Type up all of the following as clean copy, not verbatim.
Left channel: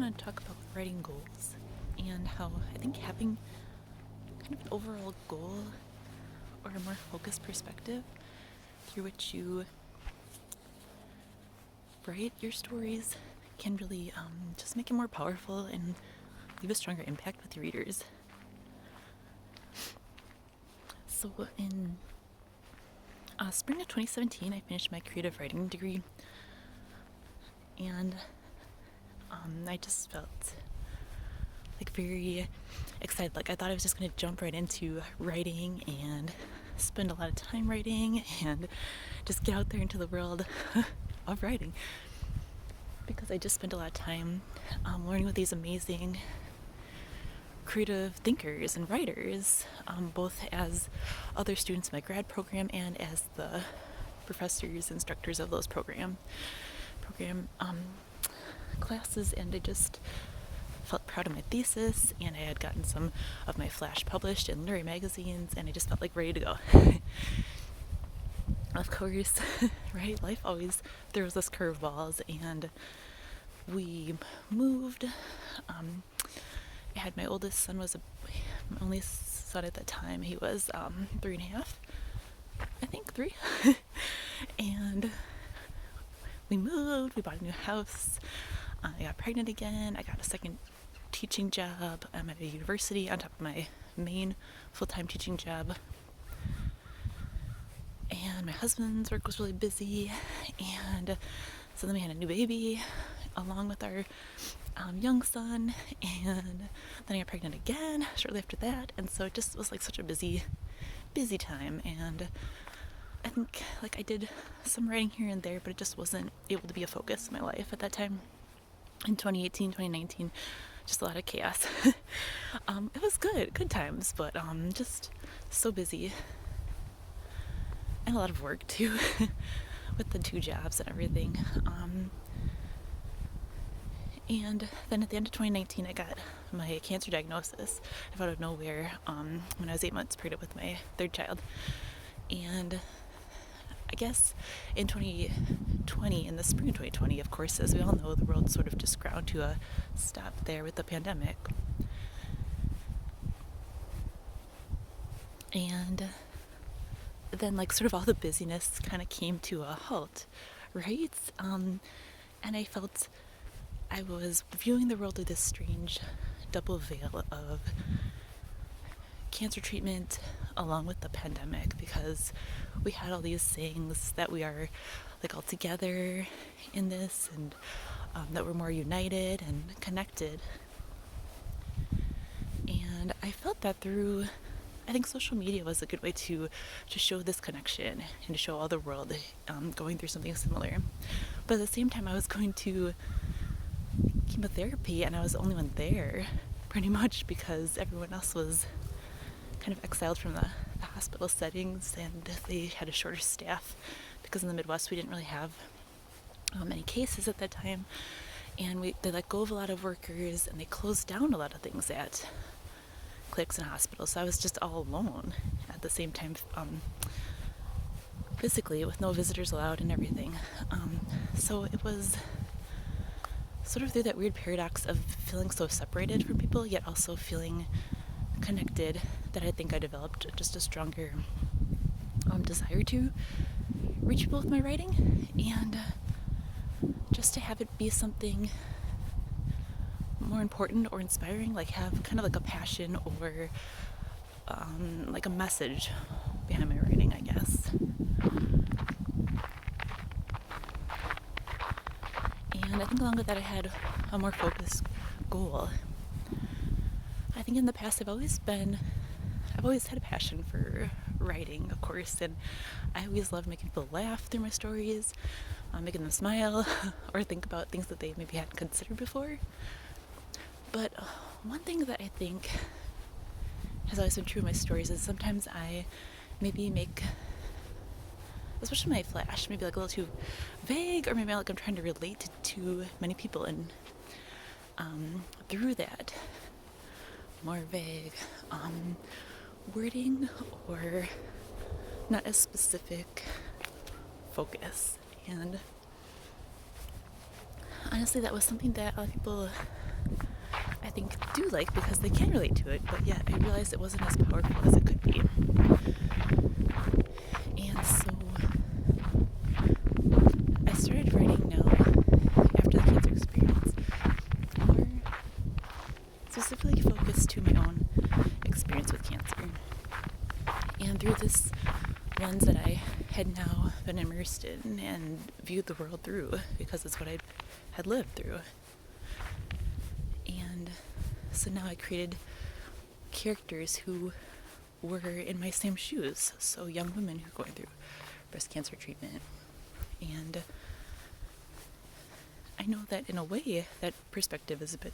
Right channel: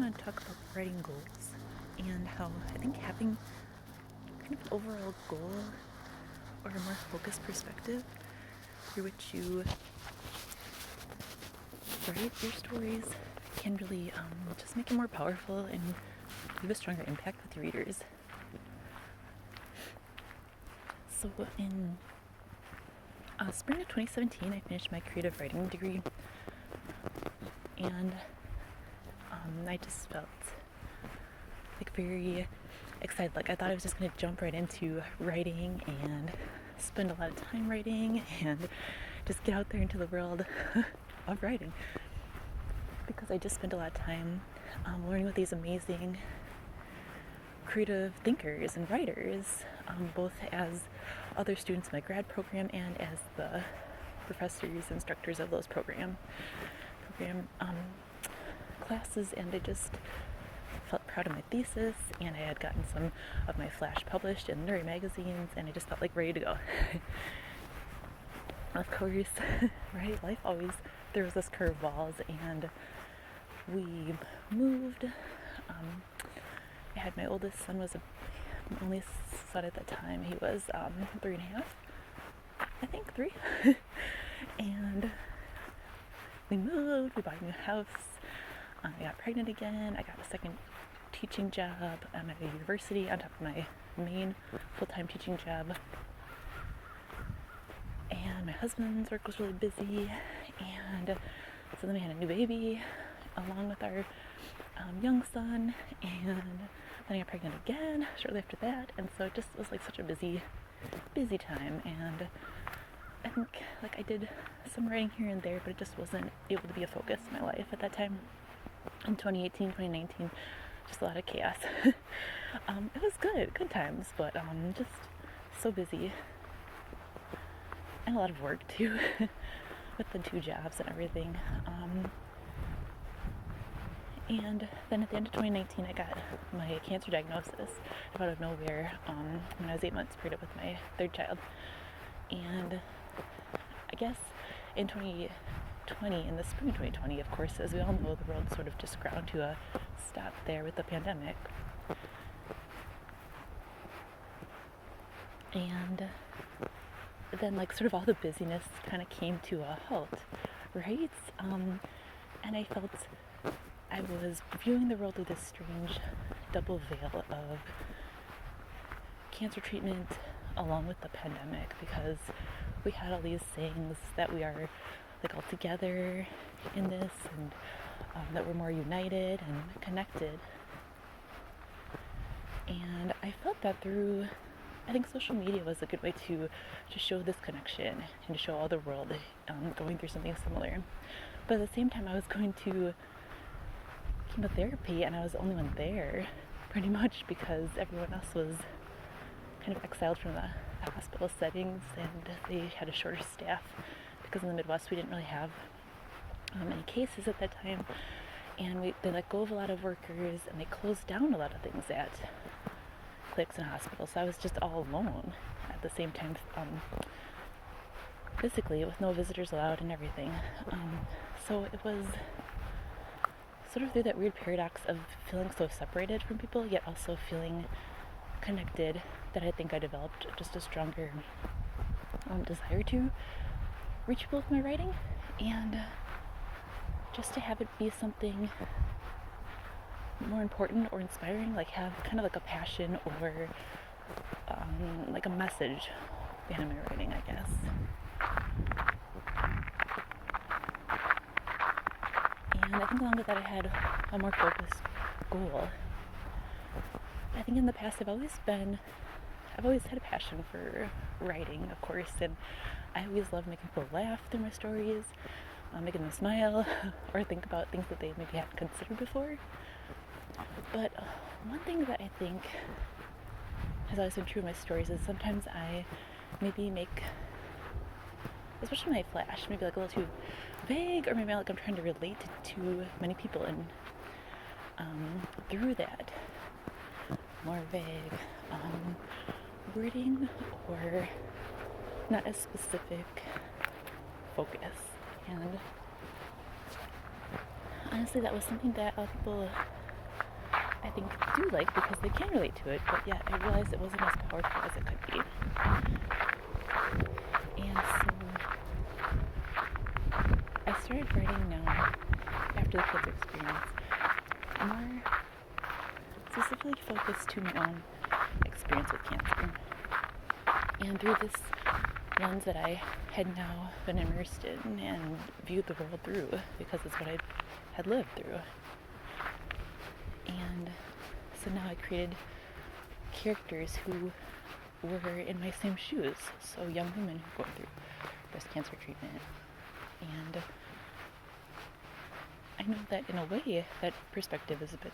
want to talk about writing goals and how I think having kind of an overall goal or a more focused perspective through which you write your stories can really just make it more powerful and leave a stronger impact with readers. So in spring of 2017, I finished my creative writing degree, and I just felt like very excited. Like I thought I was just going to jump right into writing and spend a lot of time writing and just get out there into the world of writing, because I just spent a lot of time learning with these amazing creative thinkers and writers, both as other students in my grad program and as the professors, instructors of those program classes. And I just felt proud of my thesis, and I had gotten some of my flash published in literary magazines, and I just felt like ready to go. Of course, right? Life always throws us curveballs, and we moved. I had my oldest son was my only son at that time. He was 3.5, I think 3. And we moved. We bought a new house. I got pregnant again. I got a second teaching job. I'm at a university on top of my main full-time teaching job. And my husband's work was really busy. And so then we had a new baby along with our young son. And then I got pregnant again shortly after that. And so it just was like such a busy time. And I think like I did some writing here and there, but it just wasn't able to be a focus in my life at that time. In 2018, 2019, just a lot of chaos. It was good times, but just so busy. And a lot of work too, with the 2 jobs and everything. And then at the end of 2019, I got my cancer diagnosis out of nowhere when I was 8 months pregnant with my 3rd child. And I guess in 2020, in the spring of 2020, of course, as we all know, the world sort of just ground to a stop there with the pandemic. And then like sort of all the busyness kind of came to a halt, right? And I felt I was viewing the world through this strange double veil of cancer treatment along with the pandemic, because we had all these things that we are like all together in this, and that we're more united and connected. And I felt that through, I think social media was a good way to show this connection and to show all the world going through something similar. But at the same time, I was going to chemotherapy, and I was the only one there pretty much because everyone else was kind of exiled from the hospital settings, and they had a shorter staff because in the Midwest we didn't really have many cases at that time, and they let go of a lot of workers, and they closed down a lot of things at clinics and hospitals. So I was just all alone at the same time, physically, with no visitors allowed and everything. So it was sort of through that weird paradox of feeling so separated from people, yet also feeling connected, that I think I developed just a stronger desire to reach people with my writing, and just to have it be something more important or inspiring, like have kind of like a passion or like a message behind my writing, I guess. And I think along with that I had a more focused goal. I think in the past I've always had a passion for writing, of course, and I always love making people laugh through my stories, making them smile, or think about things that they maybe hadn't considered before. But one thing that I think has always been true in my stories is sometimes I maybe make, especially my flash, maybe like a little too vague, or maybe like I'm trying to relate to too many people, and through that more vague wording or not as specific focus. And honestly, that was something that a lot of people think do like because they can relate to it, but yet I realized it wasn't as powerful as it could be. And so I started writing now after the cancer experience, more specifically focused to my own experience with cancer. And through this lens that I had now been immersed in and viewed the world through, because it's what I had lived through. And so now I created characters who were in my same shoes, so young women who are going through breast cancer treatment. And I know that in a way that perspective is a bit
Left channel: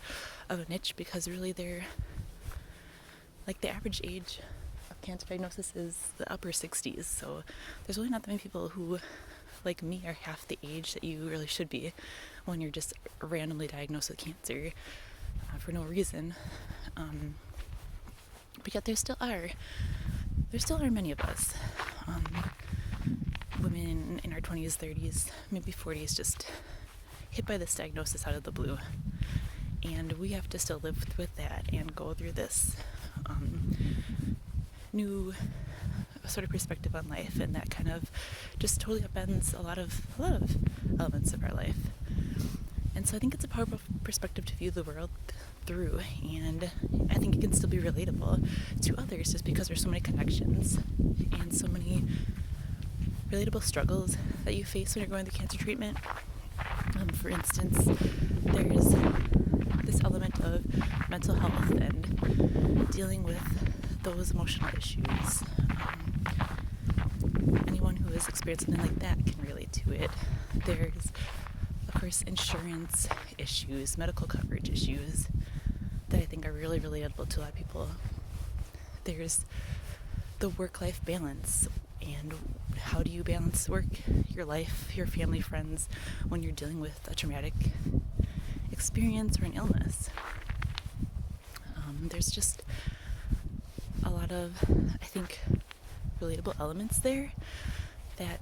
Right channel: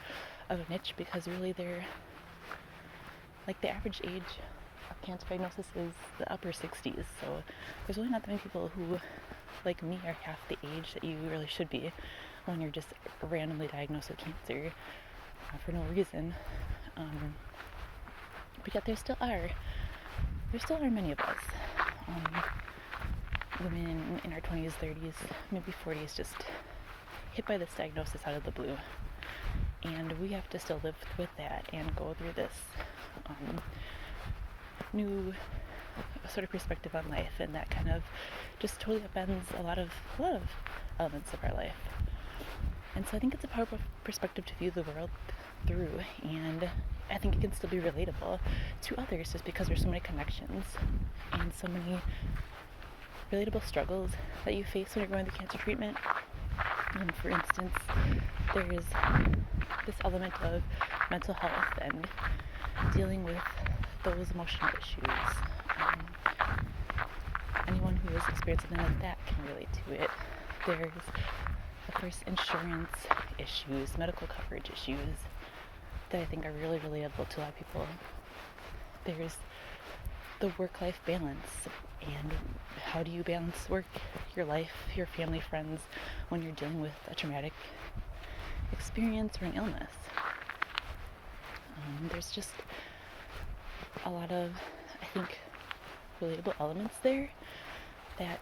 of a niche, because really they're like the average age of cancer diagnosis is the upper 60s, so there's really not that many people who, like me, are half the age that you really should be when you're just randomly diagnosed with cancer for no reason. But yet there still are many of us, women in our 20s, 30s, maybe 40s, just hit by this diagnosis out of the blue. And we have to still live with that and go through this new sort of perspective on life, and that kind of just totally upends a lot of elements of our life. And so I think it's a powerful perspective to view the world through, and I think it can still be relatable to others just because there's so many connections and so many relatable struggles that you face when you're going through cancer treatment. For instance, there's this element of mental health and dealing with those emotional issues. Anyone who has experienced something like that can relate to it. There's, of course, insurance issues, medical coverage issues that I think are really relatable to a lot of people. There's the work-life balance, and how do you balance work, your life, your family, friends, when you're dealing with a traumatic experience or an illness. There's just a lot of, I think, relatable elements there that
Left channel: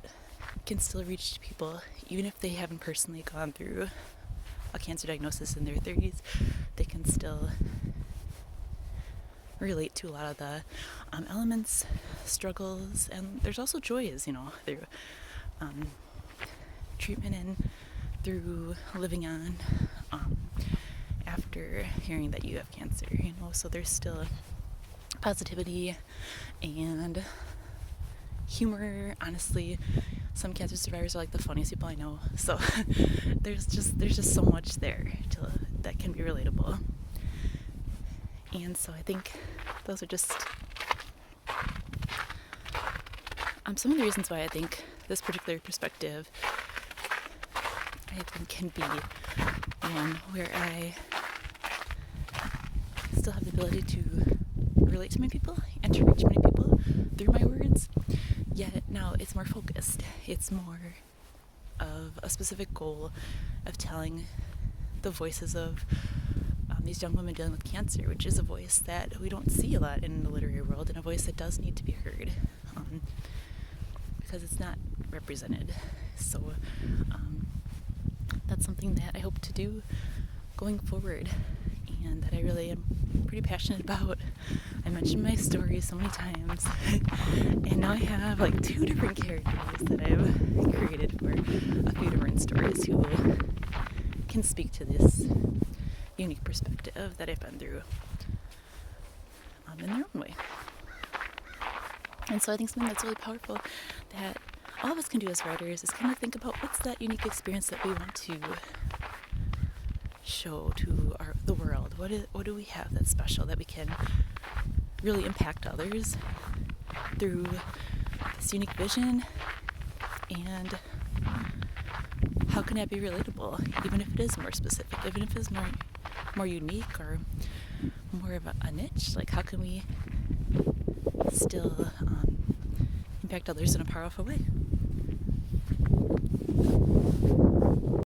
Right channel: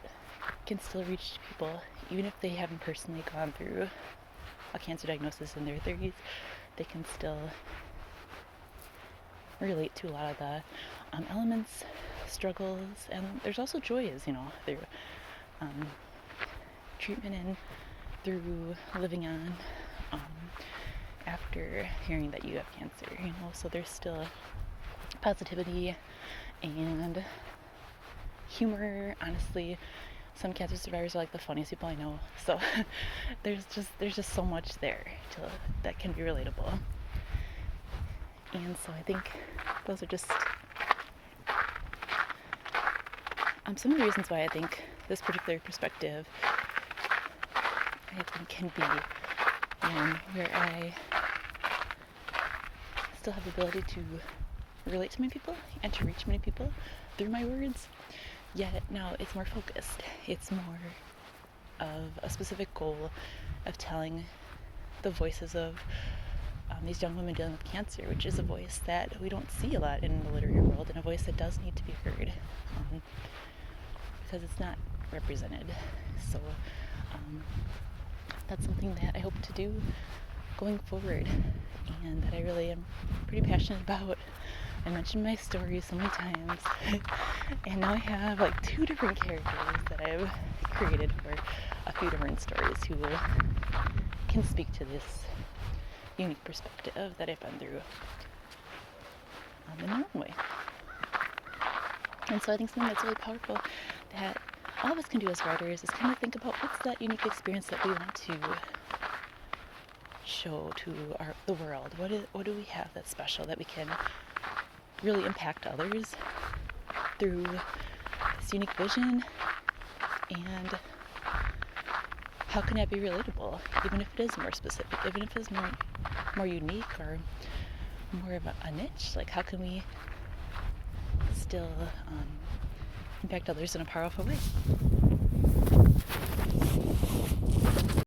can still reach people, even if they haven't personally gone through a cancer diagnosis in their 30s. They can still relate to a lot of the elements, struggles, and there's also joys, through treatment and through living on after hearing that you have cancer, so there's still positivity and humor. Honestly, some cancer survivors are like the funniest people I know, so there's just so much there that can be relatable. And so I think those are just some of the reasons why I think this particular perspective, I think, can be one where I still have the ability to relate to many people and to reach many people through my words, yet now it's more focused. It's more of a specific goal of telling the voices of these young women dealing with cancer, which is a voice that we don't see a lot in the literary world, and a voice that does need to be heard because it's not represented. So that's something that I hope to do going forward, and that I really am pretty passionate about. I mentioned my story so many times, and now I have like 2 different characters that I've created for a few different stories who can speak to this unique perspective that I've been through in their own way. And so I think something that's really powerful that all of us can do as writers is kind of think about what's that unique experience that we want to show to the world. What do we have that's special that we can really impact others through this unique vision, and how can that be relatable, even if it is more specific, even if it is more unique or more of a niche? Like, how can we still impact others in a powerful way?